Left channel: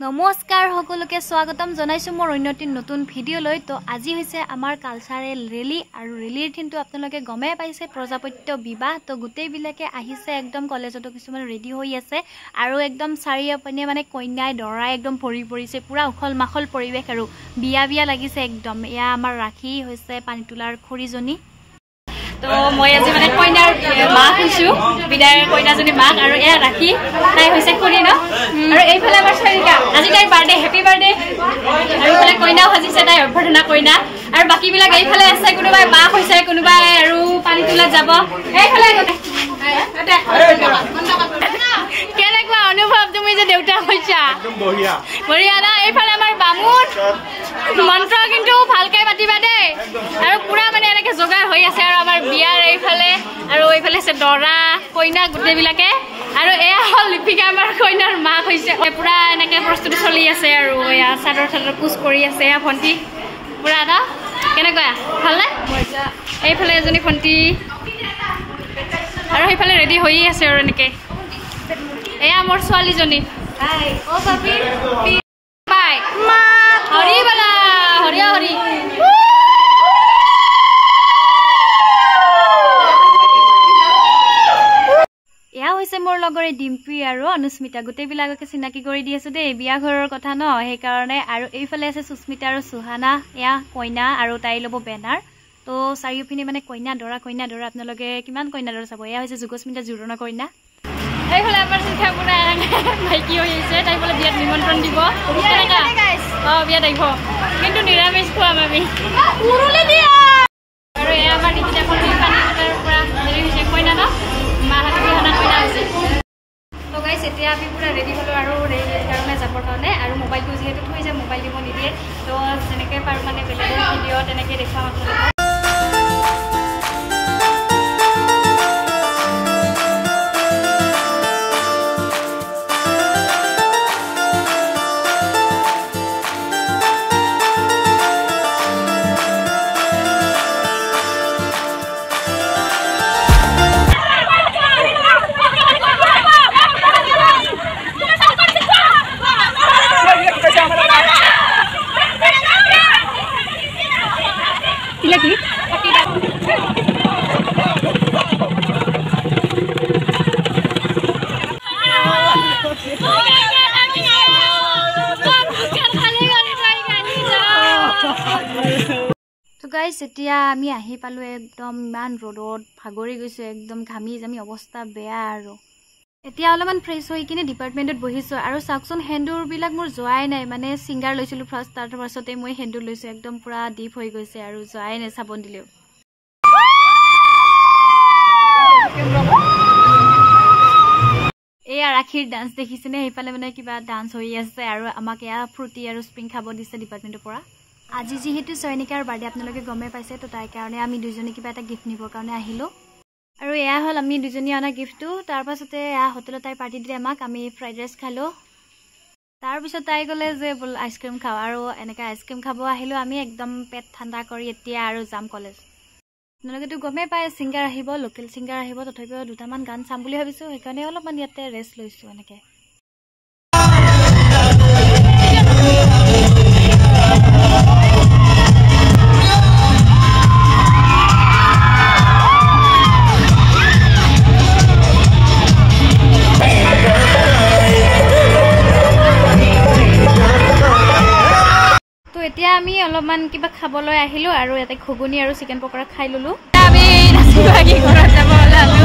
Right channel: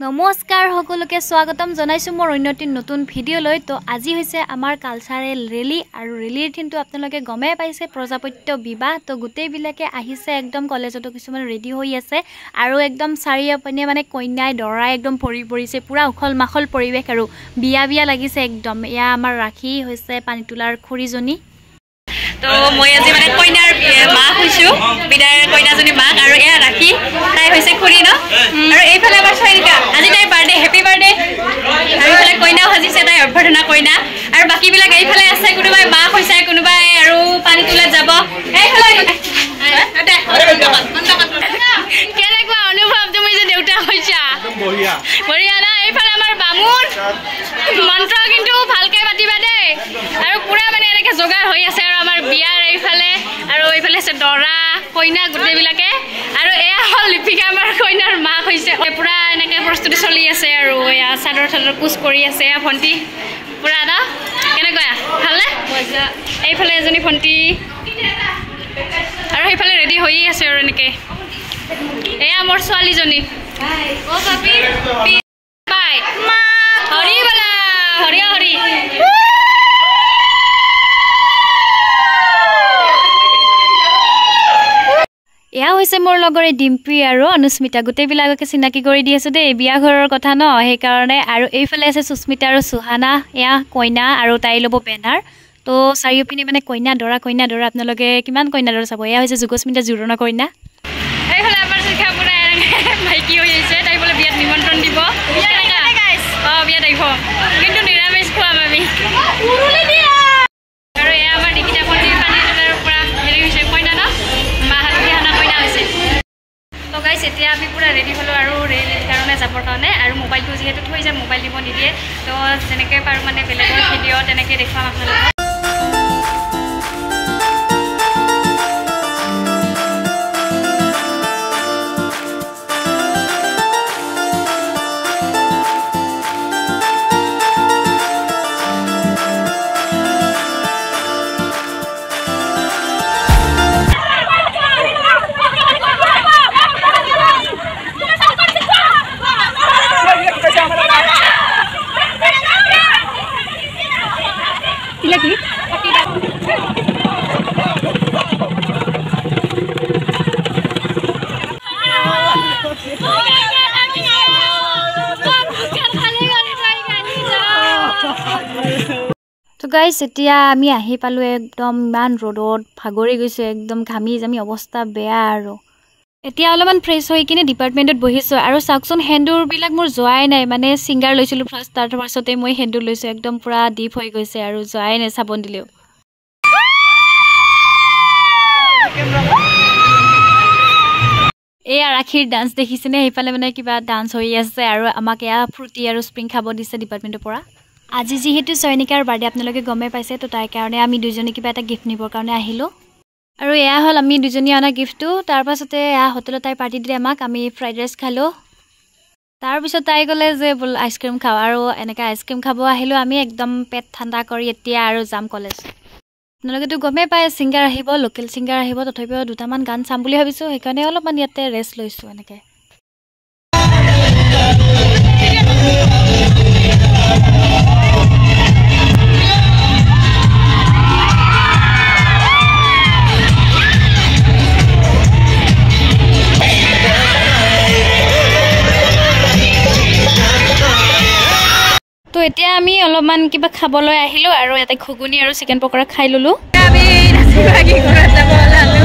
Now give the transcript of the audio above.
নমস্কাৰ সকলোকে স্বাগতম জনাইছো মোৰ অন্যটি নতুন ভিডিও লৈ তো আজি হৈছে আমাৰ কালচাৰেল ৰেলী আৰু ৰেলীৰ দিনটো আপোনালোকে গমে পাইছে প্ৰজাপত্য বিবাহ তো গোটেই বিলাকে আহিছে একদম কলেজতো কিছুমান ৰেডি হৈ আছে আৰু একদম চাৰিওপিনে মানে কন্যাই দৰাই একদম ভৰি পৰিছে পুৰা উখল মাখল পৰিৱেশ আৰু বিয়া লাগিছে একদম এয়া আমাৰ ৰাখি হৈছে পানীতুলাৰ খৰিজনী তো মই আজি মানে কইনাৰ মাক হৈছো বিদায়ৰ কইনাজনী মাক আৰু এয়া ৰাখি তাই হৈছে খুৰী ন আৰু এইফালে আমাৰ সৈনিকা আজি তাইৰ বাৰ্থডে হেপী বাৰ্থডে আৰু এইফালে কইনাও সাজিছে তাই অভ্যৰ্থনা কইনা আৰু বাকীবিলাক এইফালে আছে কোনোবাই মাক হৈছে কোনোবাই আৰু পানী তোলাত যাব এইফালে কেনেকুৱা অনুভৱ তুমি যে দেউতা হৈছা বঢ়িয়া না এইফালে আমাৰ বামুণ মন্ত্ৰ কিন্তু ভালকৈ মাতিবা দেই আৰু পুৰা মানে এনেকৈ যোগাৰ হৈ আছে আৰু আমাৰ বিয়াৰ এইফালে আৰু এইফালে আছে দৰা কইনা গোটেইবিলাকে আৰু এয়া হ'ল লিপিকা আমাৰ কইনাৰ মাক হৈছে পুৰা এনেকৈ প্ৰস্তুতি চলি আছে আৰু এয়া চাদৰ কোচ কৰি আছে এয়া ভণ্টি পুৰা ন কেনেকুৱা ভালনে এইফালে এজনী ভণ্টি আৰু সেইফালে ৰেডি হৈ আছে আৰু এনেকৈ এয়া মোৰ ছোৱালীজনী বাই হৰি বালা হৰি হৰি এয়া হৈছে মোৰ লগৰে ডিম্পী আৰু অনুস্মিতা গোটেইবিলাককে চিনাকি কৰি দি আছোঁ দেই বিয়া ঘৰৰ কথা ন সেইকাৰণে আৰু এইফালে আছে সুস্মিতা আৰু সুহানা এয়া কইনা আৰু তাই ল'ব বেনাৰ তো চাৰিওপিনে মানে কইনা দৰা আপোনালোকে কিমান কইনা দৰা চাব এয়া হৈছে যুগস্মিতা জোৰোণৰ কইনা এইফালে আমাৰ শিক্ষা পুৰা মাইকী হৈ আহিছে তাই বোলে বিয়াত নিমন্ত্ৰণ দিব অঁ বিয়াত আহিব কিন্তু নিৰামিষ খুৱাম আমি আৰু এয়া আমাৰ দীক্ষিতা ভণ্টি পানী তোলাৰ পৰা হেৰি হৈছে কইনা ন মাহানা কইনা হৈছে তো গাইছ এতিয়া আমি পুৰা ৰেডি হ'লোঁ আৰু ৰেলীৰ কাৰণে যাবৰ কাৰণে আৰু মোবাইলটো যিহেতু থৈ যায় মোবাইল দিব নিদিয়ে তো যেনেকৈ পাৰোঁ মানে বেলেগৰ ভিডিঅ' তেনেকৈ দেখুৱাম আপোনালোকক তো গাইছ এতিয়া আমি আহি পালোঁ একদম ইমান ৰ'দত ভাগৰি গৈছোঁ একদম ঘামি জামি অৱস্থা বেয়া আৰু এতিয়া অলপমান ফ্ৰেছ হৈ কিনে ডিপাৰ্টমেণ্টত বহিছোঁ আৰু চাওকচোন সেন্দুৰবিলাক মোৰ যোৱাই নাই মানে ছিংগাৰ লৈছিলোঁ ফাৰ্ষ্ট তাৰ পাছতে মই সেন্দুৰ লৈছোঁ একদম পুৰা ডিপ হৈ গৈছে আৰু যোৱাই নাই চাবোন দিলেও এয়া ৰাখীৰ ডান্স দেখিছেনে সেইফালে মানে কিবা ডান্স হৈ আছে আৰু আমাক এয়া ফ্ৰুটি আৰু স্প্ৰিং খাব দিছে ডিপাৰ্টমেণ্টৰ পৰা আজি যিহেতু চয়নিকাৰ বাৰ্থডে আপোনালোকে গমে পাইছে তো তাৰ কাৰণে আমি দুজনী কিবা এটা গিফ্ট নিবৰ কাৰণে আহিলোঁ আৰু এয়া হ'ল আমি দুজনী অনা গিফ্টটো তাৰপাছতে এয়া হোটেলত তাই পাৰ্টি দিলে আমাক আমি ফ্ৰাইড ৰাইচ খালোঁ তাৰপিছত তাই ক'লে যে বোল আইচক্ৰীম খাওঁ আৰু এনেকৈ আইচক্ৰীম খাব আহিলোঁ আমি একদম পেট ঠাণ্ডা কৰি এতিয়া আৰু যাম কলেজ আপোনালোকেতো গমেই পায় ছিংগাৰ আহিব লোকেল ছিংগাৰ আহিব তথাপিও দুটামান গান চাম বুলি ভাবিছোঁ সেইকাৰণে অলপমান ইয়াতে ৰেষ্ট লৈছোঁ এনেকৈ তো এতিয়া আমি অলপমান কিবা খাবলৈ আহিলোঁ আৰু ইয়াতে ঘুগুনি আৰু চিকেন পকৰা খাই ল'লোঁ আমি নাচিবাগী ঘৰত যাব ওলালোঁ